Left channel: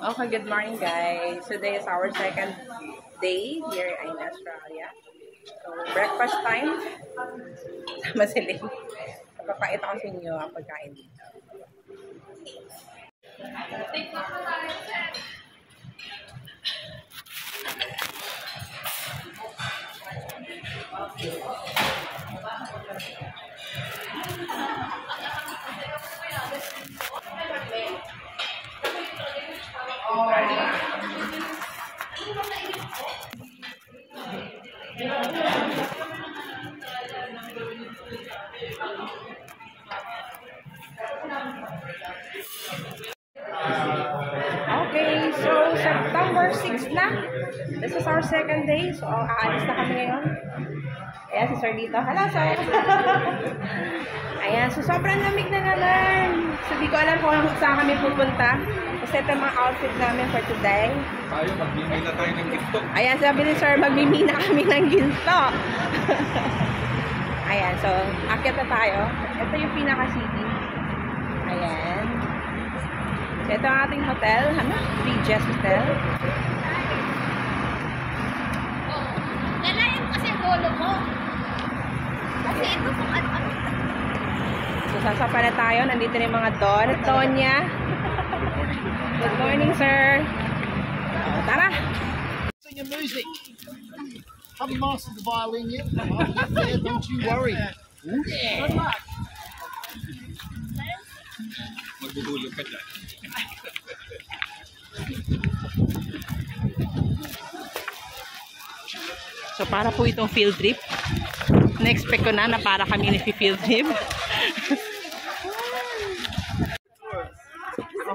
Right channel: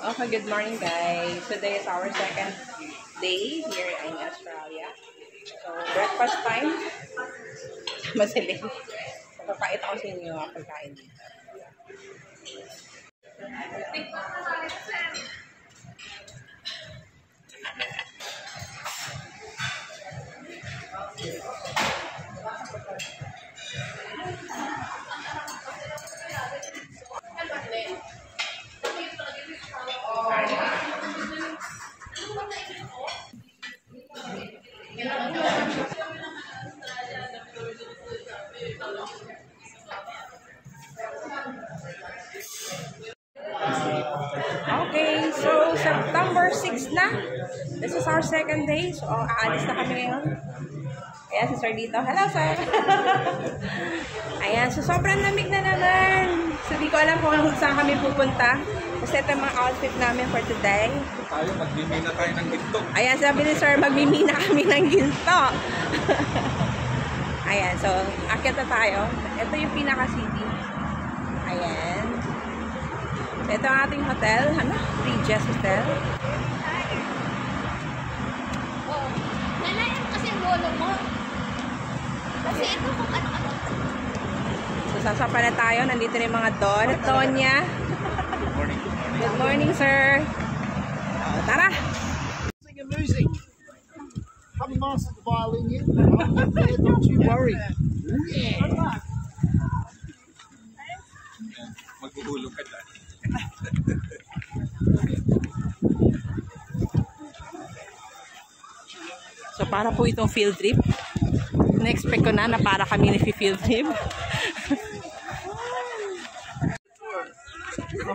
Okay, good morning guys. Today is our second day here in Australia. So, breakfast time. Masilig. Papakita ko sa inyo ang pagkain dito. Okay, so September 6 na. This is our second day. So, aalis na kami ngayon. Ayan, si Sir dito. Hello, Sir! Ayan, so sobrang lamig na naman. So, di ko alam kung saan kami pupunta. Kasi ito mga outfit namin for today. Tayo, magmimina tayo ng TikTok. Ayan, sabi ni Sir, magmimina kami ng ginto. Ayan, so, akyat na tayo. Ito yung pinaka-city. Ayan. So, ito ang ating hotel. Ano? Regis Hotel. Nalayan kasi ang lolo mo. Kasi ito kung ano. So, sasapa na tayo. Nandito na yung mga Don at Donya. Good morning, sir. Tara! Sing and music. Haven't mastered the violin yet. I'll get there, don't you worry. Good luck. Magbuhulog ka dyan. So, para po itong field trip. Na-expect ko na para kami field trip.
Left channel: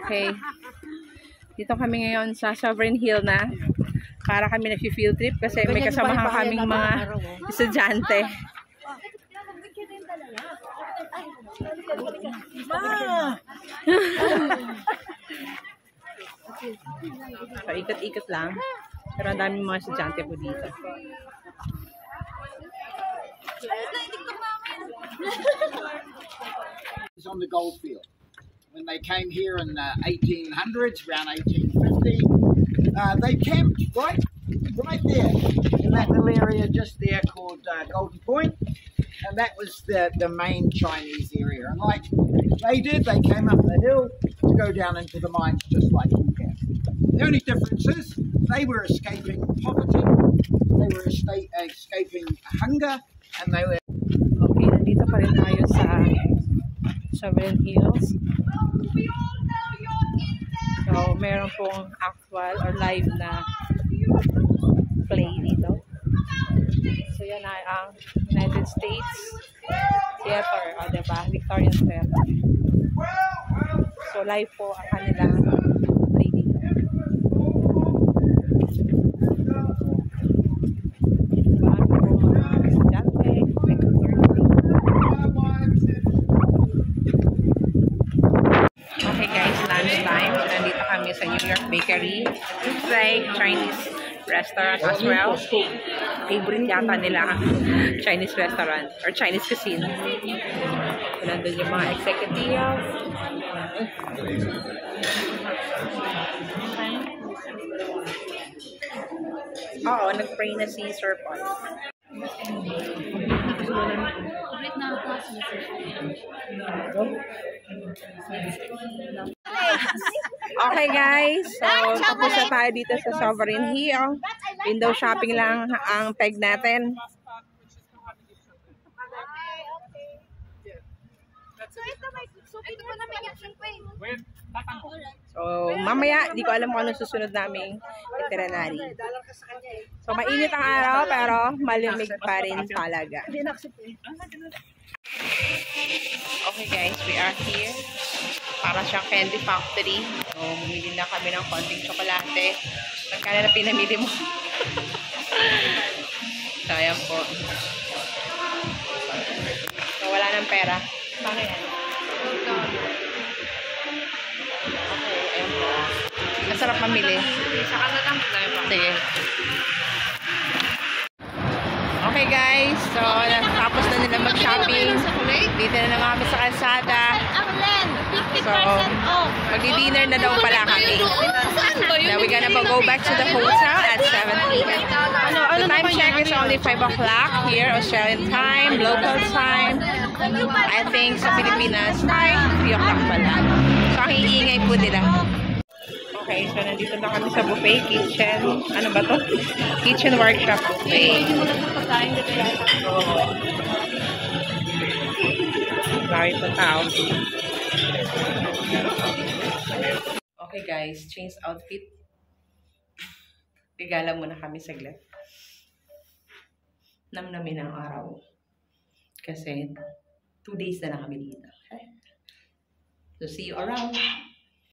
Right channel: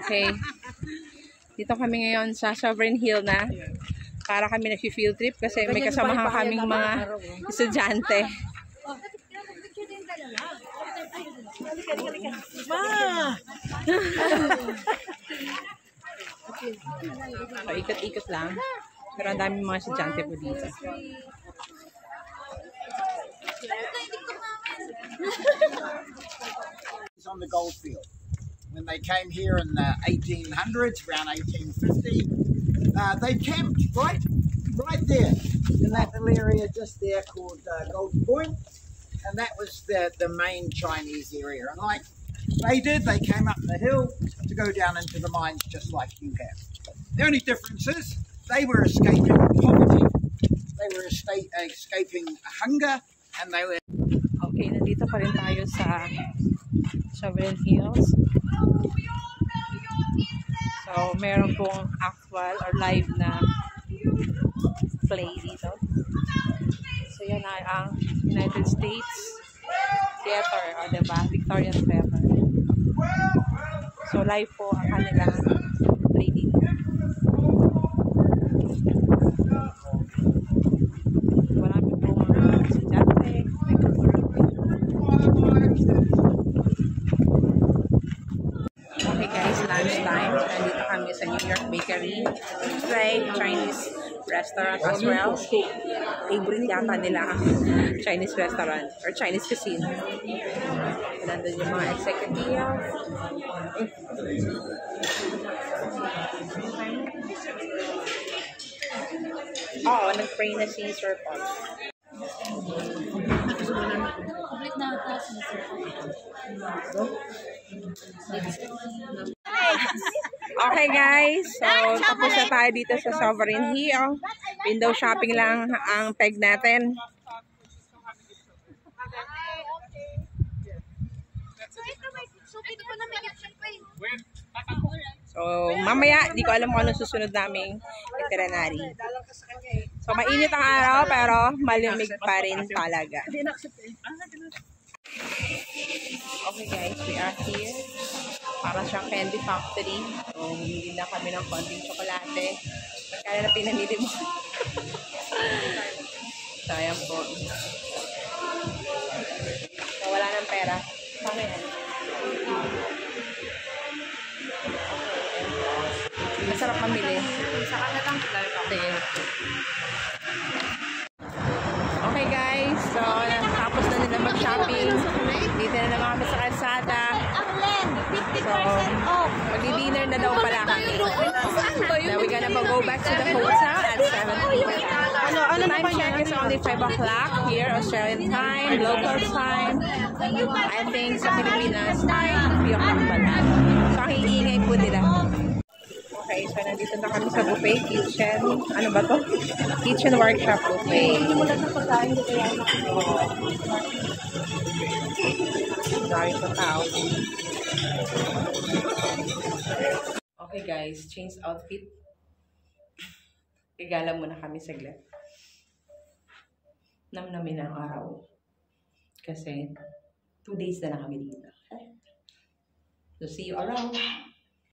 Okay. Dito kami ngayon sa Sovereign Hill na. Para kami field trip kasi may kasamahan kaming mga estudyante. So, ikot-ikot lang. Pero ang daming mga estudyante po dito. It's on the goldfield. When they came here in the 1800s, around 1850, they camped right there in that little area just there called Golden Point. And that was the main Chinese area. And like they did, they came up the hill to go down into the mines just like you have. The only difference is they were escaping poverty, they were escaping hunger, and they were... Okay, nandito pa rin tayo sa Sovereign Hills. So, meron pong actual or live na play dito. So, yan ay ang United States Theater, o diba? Victorian Theater. So, live po ang kanilang play dito. Marami po mga estudyante, may kultura. Okay guys, lunchtime. So, nandito kami sa New York Bakery. It's like Chinese restaurant as well. Favorite yata nila ang Chinese restaurant or Chinese cuisine. So, nandun yung mga executive. Oo, nag-pray na si Sir Paul. Ulit na ako. Okay guys, so tapos na tayo dito sa Sovereign Hill. Window shopping lang ang peg natin. So mamaya, di ko alam kung anong susunod naming itinerary. So mainit ang araw pero malamig pa rin talaga. Okay guys, we are here. Para siyang candy factory. So, bumili na kami ng konting tsokolate. Magkano na pinamili mo? So, ayan po. So, wala ng pera. Paano yan? Okay, ayan po. Masarap mamili. Sige. Okay guys, so natapos na nila mag-shopping. Dito na naman kami sa kalsada. So, magdi-dinner na daw pala kami. Now, we're gonna go back to the hotel at 7 p.m. The time check is only 5 o'clock here, Australian time, local time. I think sa Pilipinas time, 3 o'clock pala. So, ang iingay po nila. Okay, so nandito na kami sa buffet kitchen. Ano ba to? Kitchen workshop buffet. Dami pa tao. Okay guys, change outfit. Igala muna kami saglit. Namnamin ang araw. Kasi 2 days na lang kami dito. Okay? So see you around.